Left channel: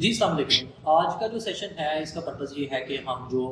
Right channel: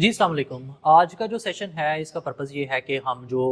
جی السلام علیکم. آج کا جو سیشن ہے اس کا پرپز یہ ہے کہ ہم جو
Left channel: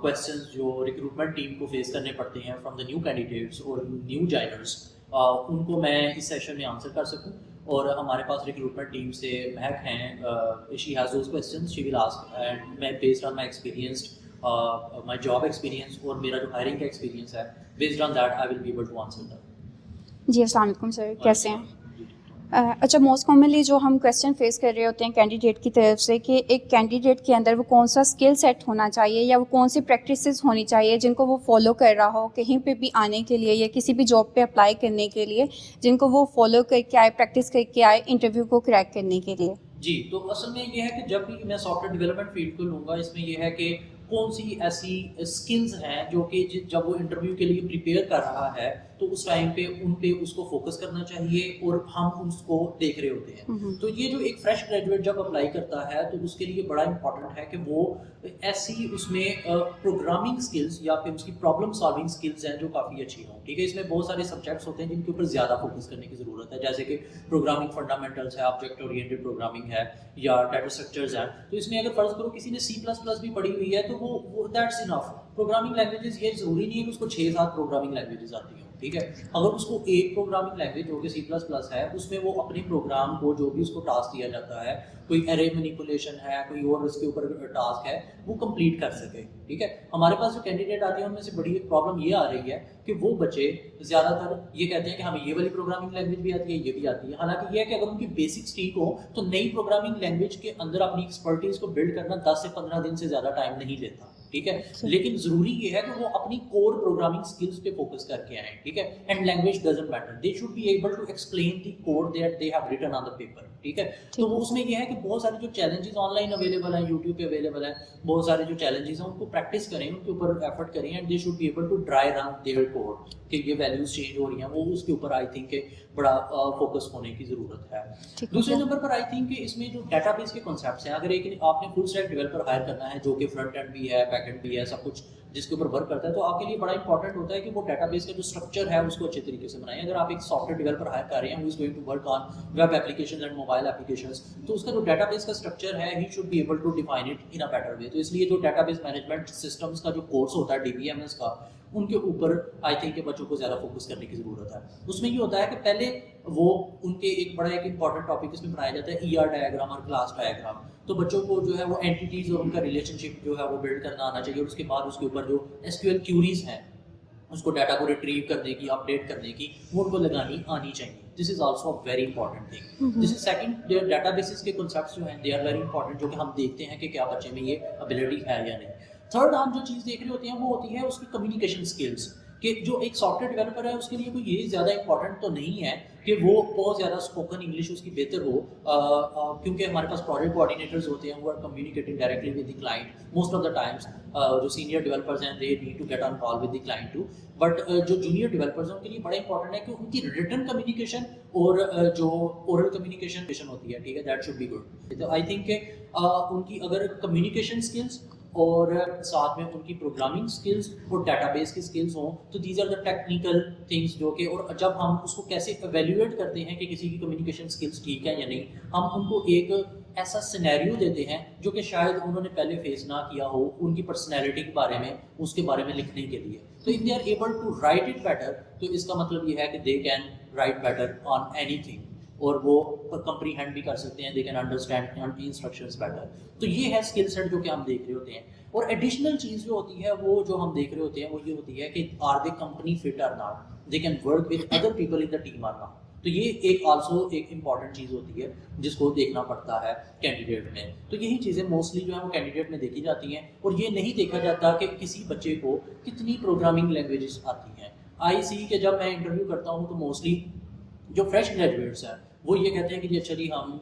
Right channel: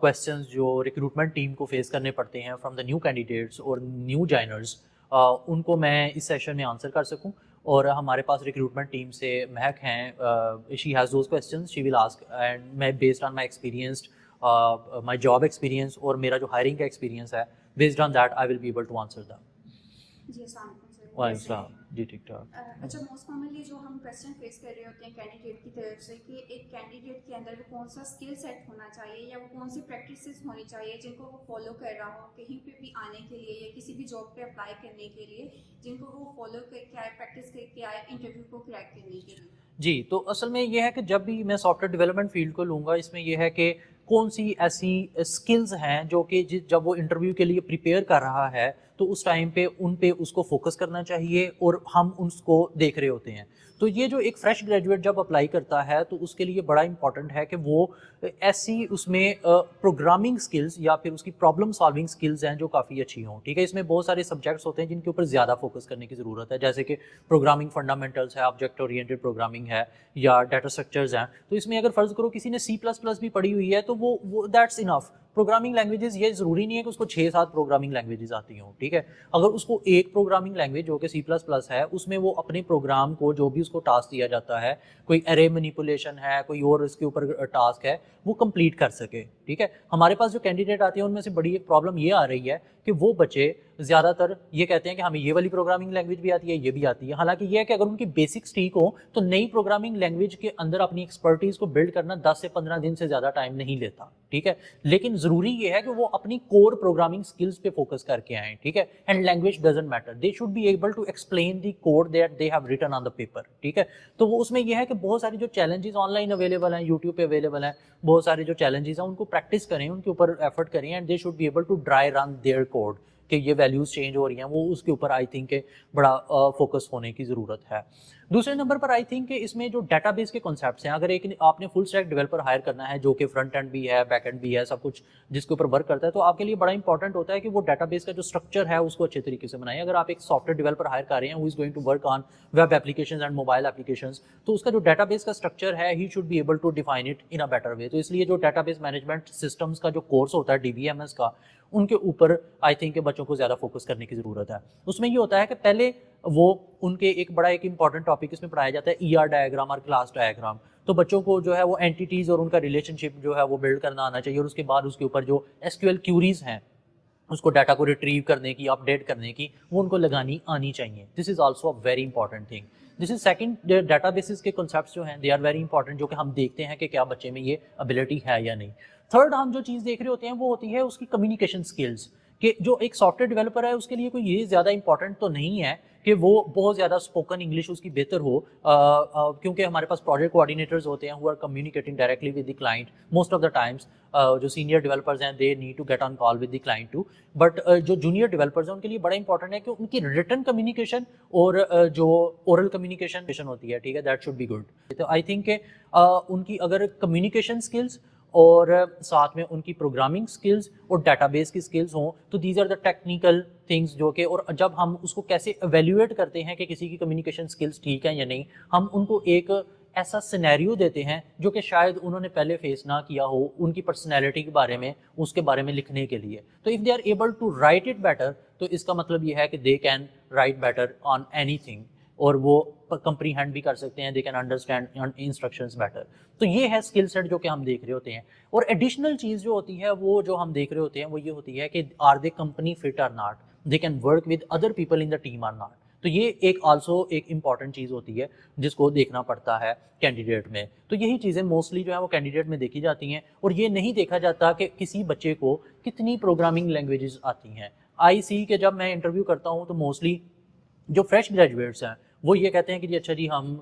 کویسچنز جو ریکروٹمنٹ ٹیم کو فیس کرنے پڑتے ہیں فرام دا نیو کینڈیڈیٹس اور نیو جوائنرز ان کو میں اس سیشن میں آنسر کر سکوں. اور ہمارے پاس ریکروٹمنٹ ٹیم سے مہک ہیں, she has those questions she will ask, and میں based on my experienced my job experience اور میرا جو ہائرنگ کا ایکسپیرینس ہے, based on that I will be able to answer that. جی السلام علیکم سر, کیسے ہیں؟ جی ٹھیک ٹھاک. اچھا, موسٹ کامنلی جو ہم کویسچن فیس کر رہے ہوتے ہیں کینڈیڈیٹ کی طرف سے کہ ایک کینڈیڈیٹ کے اندر وہ کون سا اسکل سیٹ ہونا چاہیے یا وہ کون سی پریکٹسز ہونی چاہیے جن کو وہ فالو کر رہا ہو کہیں پہ بھی آنے کے لیے یا کسی بھی جاب پہ اپلائی کرنے کے لیے, جن کو وہ فالو کر کے آئے, پریکٹس کر کے آئے انٹرویو کو کریک کرنے کے لیے. جی, تو اصل میں یہ ہے کہ جب بھی میں سافٹ ویئر ڈیولپمنٹ فیلڈ کو لوں گا, اس میں یہ ہے کہ کون سی ایسی اسکلز ہیں جو کہ جب وہ انٹرویو کے لیے پریپیئر کر رہا ہے تو اس ٹائم پہ ان پہ اس کو فوکس کرنا چاہیے اور ہم اس کو دیکھ رہے ہوتے ہیں. تو یہ جو ایک فریش گریجویٹ جب اپلائی کرتا ہے تو اس کے لیے بڑا امپورٹنٹ ہے کہ وہ ایسی اس میں پروگرامنگ اسکلز یا پھر اس کی پرابلم سالونگ اسکلز ہیں جو کافی اچھی ہوں. ٹھیک ہے, اس میں بہت سارے سبجیکٹس ہوتے ہیں جن کے اوپر زیادہ فوکس کرنے کی ضرورت ہے, جیسے کہ پروگرامنگ فنڈامنٹلس ہے, آبجیکٹ اورینٹڈ پروگرامنگ ہے, یا ڈیٹا اسٹرکچرز ہیں. تو اس میں اگر فرض کرو کسی نے C++ بھی پڑھی ہوئی ہے تو وہ دیٹس انف. پروگرامنگ لینگویجز یہ ضروری نہیں ہے کہ اس کو 6-7 پروگرامنگ لینگویجز آتی ہوں. ٹھیک ہے, اگر اس کو ایک پروگرامنگ لینگویج جو کہ C++ ہے اس میں وہ اپنے پروگرام کو جو بھی اس کو ٹاسک دیا جاتا ہے, کوئی ارے مینیپولیشن ہے, کوئی اور اس کے اوپر ٹاسک ہے, وہ کمپلیٹ کر سکے. ٹھیک ہے, ہمارے پاس جو کینڈیڈیٹ آتے ہیں ان میں سے بڑی ایک پرابلم یہ آ رہی ہے کہ وہ بچے زیادہ تر یہ کہتے ہیں کہ ہمیں یہ والی پروگرامنگ لینگویج بھی آتی ہے, یہ بھی آتی ہے. حالانکہ یہ ہے کہ اگر ان کی بیسکس ٹھیک ہو تو نئی پروگرامنگ لینگویج کے اندر اپنی ایکسپرٹیز کو بلڈ کرنا 10 سے 15 دن سے زیادہ ٹائم نہیں لیتا. ٹھیک ہے, لیکن ضروری یہ ہے کہ وہ اپنی کور پروگرامنگ اسکلز پہ فوکس کر کے آئیں. ٹھیک ہے, and language doesn't matter, they should be able to explain the code that they have written on the paper. ٹھیک ہے, تو وہ اس میں یہ ہے کہ بہت سارے جو چیلنجز آن لائن اویلیبل ہیں, یوٹیوب پہ اویلیبل ہیں, بہت سارے جو چیلنجز ہیں ان کو پریکٹس کریں, ان کے اوپر ایفرٹ کریں, and they should be able to dry run their code کہ یہ ویلیوز چینج ہو رہی ہیں, وہ اس کے اوپر آئی تھنک کہ بڑا فوکس ہونے کی ضرورت ہے. دوسرے نمبر پر آئی تھنک کہ اس میں جو ڈیٹا بیس کے کنسیپٹس ہیں, اگر ایک آپ نے فل اسٹیک ڈیولپر ہائر کرنا ہے جو کہ فرنٹ اینڈ بھی ہے, بیک اینڈ بھی ہے, سب کچھ جس کے اوپر ورک کرتا ہے, تو آپ کے لیے بڑا انپورٹنٹ ہوتا ہے کہ وہ ڈیٹا بیس کا جو اسٹرکچر ہے اس کو اچھے طریقے سے بنائیں. اگر آپ ایک سافٹ ویئر ڈیولپر ہائر کر رہے ہیں who is going to work on web applications and mobile applications, تو اس کا جو ڈیٹا بیس کا اسٹرکچر ہے he should be able to define it in a better way. تو اس لیے جو ڈیٹا بیس مینجمنٹ سسٹمس کا جو کورس ہوتا ہے DBMS کا, ان کے اوپر آئی تھنک کہ بچوں کو زیادہ فوکس کرنے کی ضرورت ہے. اس میں یہ ہوتا ہے کہ پہلے وہ ان کے ایک بڑا ایک امپورٹنٹ ٹاپک اس میں پڑھایا جاتا ہے ER ڈائیگرام اور کلاس ڈائیگرام. تو بچوں کو جو ہے وہ اینٹیٹیز اور ان کا ریلیشن شپ جو ہے وہ بلڈ کرنا آنا چاہیے, اور اس کے بعد اس کے اوپر جو SQL کیوریز ہیں اس کو ڈیٹا کو ریٹریو کرنے کی, اپڈیٹ کرنے کی, وہ ان کو لگانی آنی چاہیے. This is also a very important thing. This is second, databases کے کنسیپٹس جو ہیں دے آر ویری انپورٹنٹ, جو کہ ہم دیکھتے ہیں کہ کیا بچے میں یہ ابیلٹی ہے یا نہیں. تھرڈ ہم جو چیز دیکھ رہے ہوتے ہیں وہ ہوتی ہے اس کی کمیونیکیشن اسکلس, کہ جو ایک سافٹ ویئر ڈیولپر ہے اس کے لیے کوئی یہ زیادہ امپورٹنٹ تو نہیں ہے کہ وہ بہت زیادہ اسپوکن انگلش اس کی بہتر ہو, کیونکہ ہمارے پاس پروجیکٹ کوآرڈینیٹرز ہوتے ہیں who are communicating directly with the client most of the times. جو سینئر ڈیولپرز ہیں they need to get on call with the client too, but جو جونیئر ڈیولپرز ہیں ان کے لیے بڑا امپورٹنٹ ہے کہ ان کی ریٹن کمیونیکیشن اور جو اورل کمیونیکیشن ہوتی ہے, ٹھیک ہے, دیٹ شوڈ بی گڈ. تو آئی تھنک کہ ان کی اگر کمیونیکیشن اسکلس اور ساتھ میں ان کی پروگرامنگ سکلز اور ڈیٹا بیس کی سکلز ہوں, تو these are the technical things جو کہ, اور جب ہم اس کو کیسے ایویلیویٹ کرتے ہیں کہ کسی کی کمیونیکیشن سکلز ٹھیک ہیں یا نہیں, ہم ان کو ایک ایسا سینیریو دیتے ہیں جو کہ شاید انہوں نے پہلے فیس نہ کیا ہو, ان کی پرسنالٹی کے بارے میں, اس کے بارے میں لکھنے کے لیے. تو if they are able to write it better, تو اس کا مطلب یہ ہے کہ they can write better on anything, اور وہ کمپریہینڈ بھی کر سکتے ہیں, they can understand instructions better. تو یہ ہے اسکل سیٹ جو کہ ہم دیکھ رہے ہوتے ہیں. اور ایڈیشنل چیز جو ہوتی ہے وہ جو ہم دیکھ رہے ہوتے ہیں وہ یہ ہوتی ہے کہ are they company fit or not, they can work with other people in the team or not. تو یہ ایک آلسو ایک امپورٹنٹ چیز ہوتی ہے جس کو دیکھنا پڑتا ہے کینڈیڈیٹ میں. تو یہی چیزیں موسٹلی جو ہے وہ کینڈیڈیٹ میں دیکھی جاتی ہیں, اور یہ نہیں دیکھا جاتا کہ کسی بچے کو کتنی پروگرامنگ لینگویجز آتی ہیں. آئی سی کہ جب میں انٹرویو کرتا ہوں تو موسٹلی جو فریش گریجویٹس ہیں وہ یہ کہتے ہیں کہ جی اچھا جی ہم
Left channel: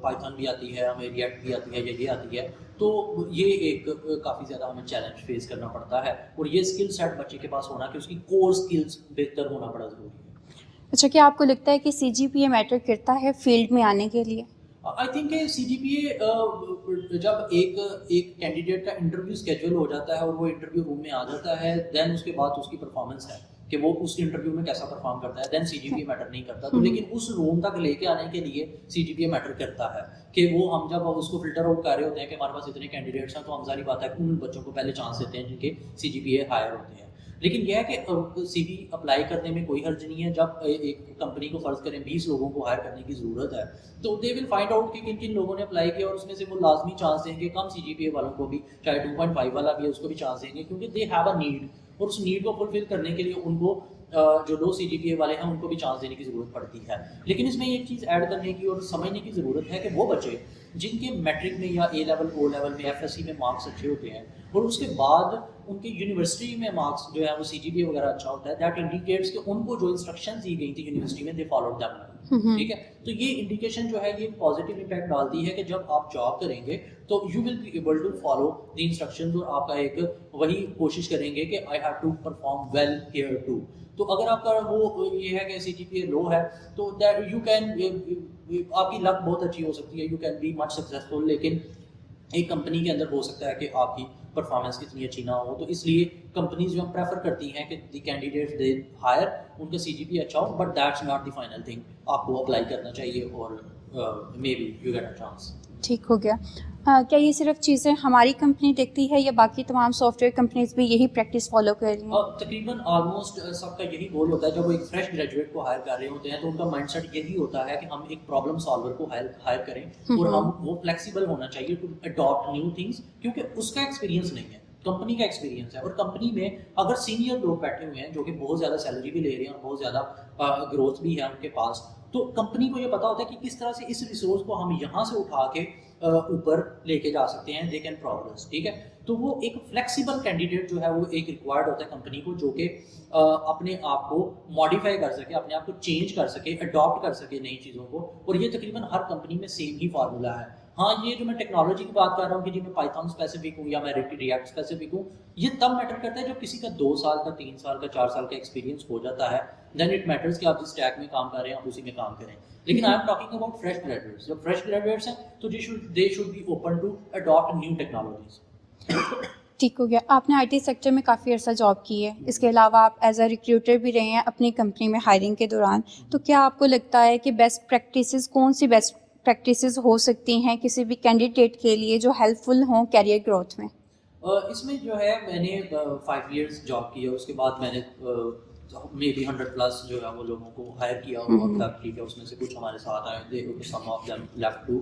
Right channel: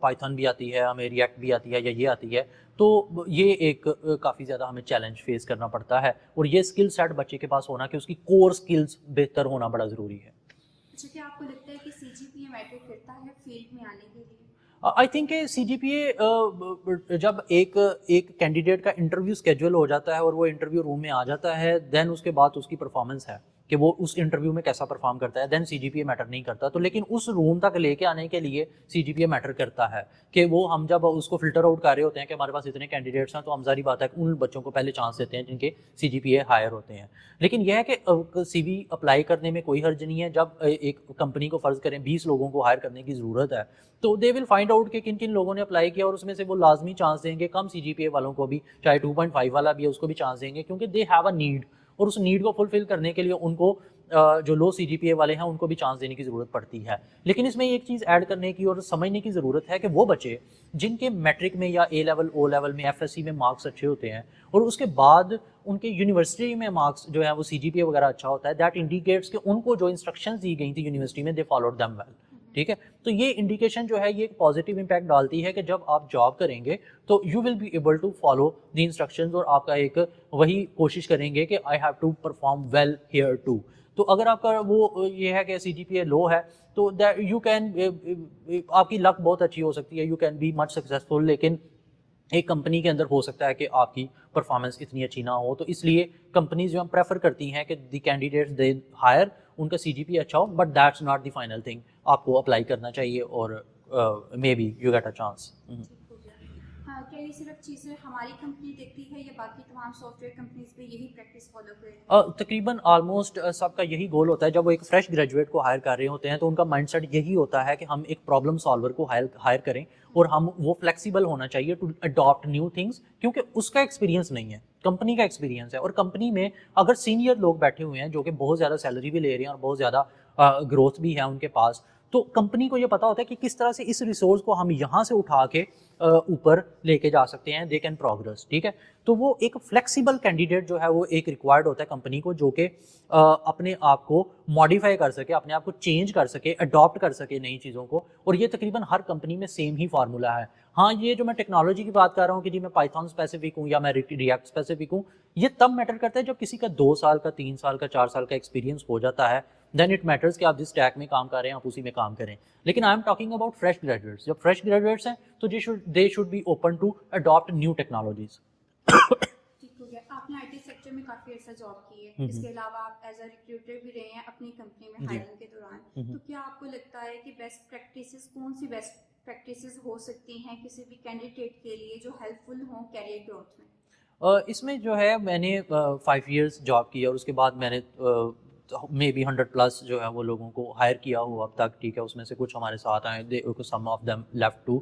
پائتھن بھی آتی ہے, ہمیں ریئیکٹ بھی آتی ہے, یا یہ آتی ہے. تو یہ ایک کافی زیادہ ہمیں چیلنج فیس کرنا پڑتا ہے, اور یہ اسکل سیٹ بچے کے پاس ہونا کہ اس کی کور اسکلز بہتر ہونا بڑا ضروری ہے. اچھا, کیا آپ کو لگتا ہے کہ CGPA میٹر کرتا ہے فیلڈ میں آنے کے لیے؟ آئی تھنک کہ CGPA جب ایک کینڈیڈیٹ کا انٹرویو اسکیجول ہو جاتا ہے اور وہ انٹرویو روم میں آ جاتا ہے, دین اس کے بعد اس کی پرفارمنس ہے. کہ وہ اس انٹرویو میں کیسا پرفارم کرتا ہے. دین سی جی پی اے میٹر نہیں کرتا. تو لیکن اس روم تک لے کے آنے کے لیے سی جی پی اے میٹر کرتا ہے کہ وہ ہم جب اس کو فلٹر آؤٹ کر رہے ہوتے ہیں کہ ہمارے پاس اتنے کینڈیڈیٹس ہیں تو ہم ظاہری بات ہے کہ ان بچوں کو پہلے چانس دیتے ہیں جن کے سی جی پی اے ہائر ہوتے ہیں. لیکن یہ ہے کہ سی وی اپلائی کرنے میں کوئی حرج نہیں ہے. جب ایک کمپنی کو فرض کریں 20 لوگوں کو ہائر کرنے کی ضرورت ہے تو دے ول فائنڈ آؤٹ کہ کن کن لوگوں نے اپلائی کیا اور اس میں سے وہ لازمی چانس دیں گے. کم سی جی پی اے والوں کو بھی, چاہے 2.5 والا بھی ہے, اس کو بھی چانس دیں گے کیونکہ دے ہیو اے نیڈ, اور اس نیڈ کو فلفل کرنے کے لیے ان کو جو لو سی جی پی اے والے ہیں ان کو بھی چانس دینے کی ضرورت پڑتی ہے. لیکن اس میں ایک چیز ایڈ کرنے کی اور سمجھنے کی ضرورت ہے کہ وہ بچے جن کے میٹرک میں یا اے لیول او لیول میں ایف ایس سی میں مارکس اچھے ہوتے ہیں اور اس کے بعد ان کے یونیورسٹی میں مارکس جو ہے وہ سی جی پی اے وغیرہ اچھا ہوتا ہے, دیٹ انڈیکیٹس کہ ان کو جو انسٹرکشنز دی گئی تھی یونیورسٹی میں دے فالوڈ دیم ویل. ٹھیک ہے, تو یہ انڈیکیشن جو ہے یہ ایک پازیٹیو امپیکٹ ڈالتی ہے کہ جب آپ جاب کریں گے تو you will be able to follow the instructions, اور آپ کا ایک وہی کوشش کریں گے کہ I have to perform well here too. تو اگر آپ کا وہ یہ ہے کہ سی جی پی اے لو ہے تو یو کین, آپ کی لک بہت اچھی ہو سکتی ہے, you can be much successful, لیکن ایک کمپنی کے اندر ہو سکتا ہے کہ آپ کی پرفارمنس اتنی اچھی نہ ہو. تو اس لیے کمپنیز جو پریفر کرتی ہیں کہ دی کینڈیڈیٹس دے ہائر, ان کا سی جی پی اچھا ہو, but that's not the final thing. آپ کو اپلائی کرنا چاہیے اور maybe you get a chance. ٹھیک ہو گیا. کیا یہ صرف چیزیں ہماری کمپنی دیکھتی ہے یا باقی تمام سافٹ ویئر کمپنیز بھی یہی پریکٹس فالو کر رہی ہیں؟ تقریباً آلموسٹ سب کا یہی گول ہوتا ہے. جب وہ ایک فریش گریجویٹ کو ہائر کر رہے ہوتے ہیں تو ان کا مائنڈ سیٹ یہی ہوتا ہے کہ ہم ایک پرابلم سالور کو ہائر کریں اور ہم وہ فلیکسیبل ہونا چاہیے ٹو اڈاپٹ نیو تھنگس, کیونکہ اس کا ایکسپیرینس نہیں ہے, کمپنی کا ایکسپیرینس ہے. اور کمپنی میں اگر سینئر لوگ بیٹھے ہوئے ہیں جو کہ بہت زیادہ سیلری بھی لے رہے ہیں اور بہت زیادہ گروتھ بھی ہے ان کے پاس, تو کمپنی کو یہ پتا ہوتا ہے کہ کس طرح سے اس ریسورس کو ہم یہاں سے اٹھا کے اوپر لے کے جا سکتے ہیں, دے کین پروگرس. ٹھیک ہے, تو وہ ایک فلیکسیبل کینڈیڈیٹ جو ہے وہ ایک ریکوائرڈ ہوتا ہے کمپنی کو, جو کہ اپنے آپ کو ماڈیفائی کر سکے, اپنے آپ کو چینج کر سکے, اڈاپٹ کر سکے نئی چیزوں کو. اور یہ تقریباً ہر کمپنی میں سیم ہی فارمولا ہے. ہاں, یہ جو میں ٹیکنالوجی کی بات کر رہا ہوں کہ جی میں پائتھن اسپیسیفک ہوں یا میں ریئیکٹ اسپیسیفک ہوں, یہ تب میٹر کرتا ہے جب کسی کا 2 سال کا 3 سال کا 4 سال کا ایکسپیرینس ہو جاتا ہے, دین اٹ میٹرس کہ آپ جس ٹیک میں کام کر رہے ہیں آپ اسی میں کام کریں. لیکن I am talking about fresh graduates. جب فریش گریجویٹس ہیں تو they should be open to adapt new technologies. ٹھیک ہو گیا. آپ نے آئی ٹی سیکٹر میں کافی عرصہ جاب کی ہے, اس کے علاوہ آپ ایز اے ریکروٹر بھی رہے ہیں اپنی کمپنی میں ہائرنگ کے دوران. تو کیا آپ کو لگتا ہے کہ بیسٹ پریکٹسز کون سی بیسٹ پریکٹسز ہو سکتی ہیں کسی بھی کینڈیڈیٹ کے لیے جو ہیلپ فل ہوں کیریئر گروتھ میں؟ اس میں جو ہے میں نے 5 ایئرس جاب کیا, اس کے بعد میں نے مے بی 100+ جو ہے وہ لوگوں کو ہائر کیا ہوا اب تک. ٹھیک ہے, اس میں سے کچھ ہمارے ساتھ آئے, سم آف دیم لیفٹ ٹو.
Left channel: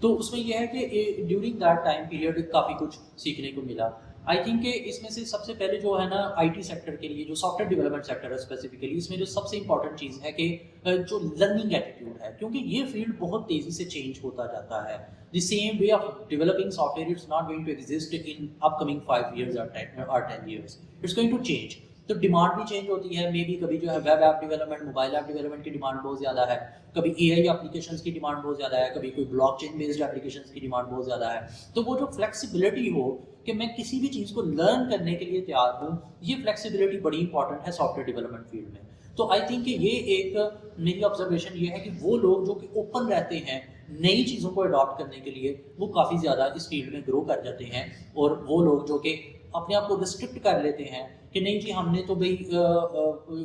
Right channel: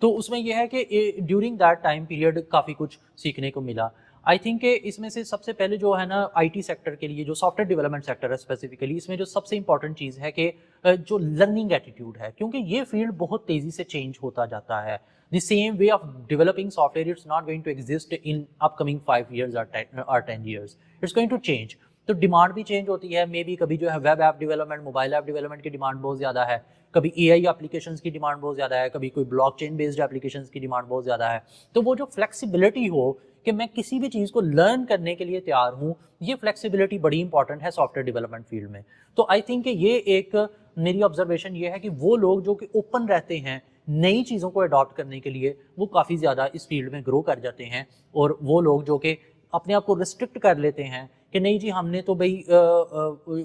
تو اس میں یہ ہے کہ ڈیورنگ دیٹ ٹائم پیریڈ کافی کچھ سیکھنے کو ملا. آئی تھنک کہ اس میں سے سب سے پہلے جو ہے نا آئی ٹی سیکٹر کے لیے جو سافٹ ویئر ڈیولپمنٹ سیکٹر ہے اسپیسیفکلی, اس میں جو سب سے امپورٹنٹ چیز ہے کہ جو لرننگ ایٹیٹیوڈ ہے, کیونکہ یہ فیلڈ بہت تیزی سے چینج ہوتا جاتا ہے. The same way of developing software, it's not going to exist in upcoming 5 years or 10 years. It's going to change. تو ڈیمانڈ بھی چینج ہوتی ہے. مے بی کبھی جو ہے web app development, mobile app development کی ڈیمانڈ بہت زیادہ ہے, کبھی اے آئی اپلیکیشنس کی ڈیمانڈ بہت زیادہ ہے, کبھی کوئی بلاک چین بیسڈ اپلیکیشنس کی ڈیمانڈ بہت زیادہ ہے. تو وہ جو فلیکسیبلٹی ہو کہ میں کسی بھی چیز کو لرن کرنے کے لیے تیار ہوں, یہ فلیکسیبلٹی بڑی امپورٹنٹ ہے سافٹ ویئر ڈیولپمنٹ فیلڈ میں. تو آئی تھنک کہ یہ ایک میری آبزرویشن یہ ہے کہ وہ لوگ جو کہ اوپن رہتے ہیں نئی چیزوں کو اڈاپٹ کرنے کے لیے, وہ کافی زیادہ اس فیلڈ میں گرو کر جاتے ہیں. اور وہ لوگ جو کہ اپنے آپ کو ریسٹرکٹ کر لیتے ہیں کہ نہیں جی ہم نے تو بھائی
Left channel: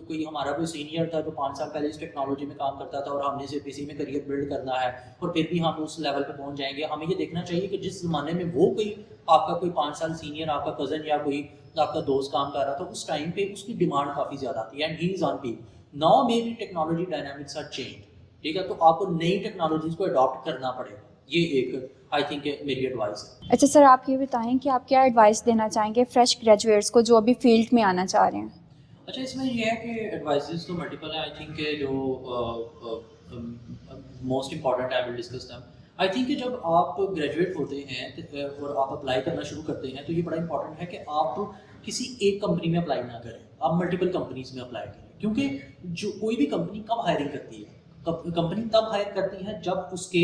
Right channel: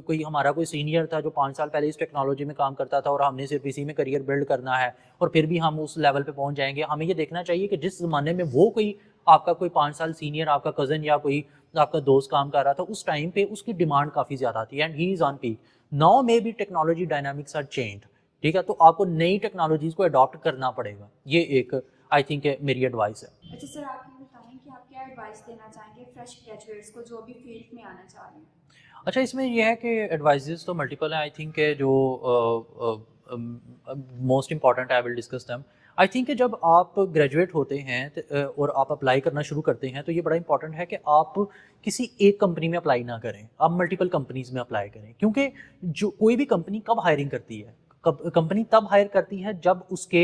کوئی ہمارا کوئی سینئر تھا جو 5 سال پہلے اس ٹیکنالوجی میں کام کرتا تھا اور ہم نے صرف اسی میں کریئر بلڈ کرنا ہے اور پھر بھی ہم اس لیول پہ پہنچ جائیں گے. ہمیں یہ دیکھنا چاہیے کہ جس زمانے پہ وہ کوئی آپ کا کوئی 5 سال سینئر, آپ کا کزن یا کوئی آپ کا دوست کام کر رہا تھا, اس ٹائم پہ اس کی ڈیمانڈ کافی زیادہ آتی ہے, and he is on peak. Now may be technology dynamics are change. ٹھیک ہے, تو آپ کو نئی ٹیکنالوجیز کو اڈاپٹ کرنا پڑے گا. یہ ایک آئی تھنک میری ایڈوائس ہے. اچھا سر, آپ یہ بتائیں کہ آپ کیا ایڈوائس دینا چاہیں گے فریش گریجویٹس کو جو ابھی فیلڈ میں آنا چاہ رہے ہیں؟ اچھا, اس میں یہ ہے کہ ایڈوائزز تو ملٹیپل ہیں. آئی تھنک کہ جو most important I will discuss them. I think کہ جب آپ گریجویٹ ہوتے ہیں اور آپ اپلائی کرنا شروع کرتے ہیں تو یہ بڑا امپورٹنٹ ہے کہ آپ کسی ایک کمپنی میں اپلائی نہ کریں, آپ ملٹیپل کمپنیز میں اپلائی کریں. کیونکہ جو کوئی بھی کمپنی کب ہائرنگ کرتی ہے, کمپنی تب ہائر کرتی ہے جب اس کے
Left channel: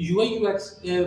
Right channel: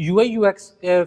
UI UX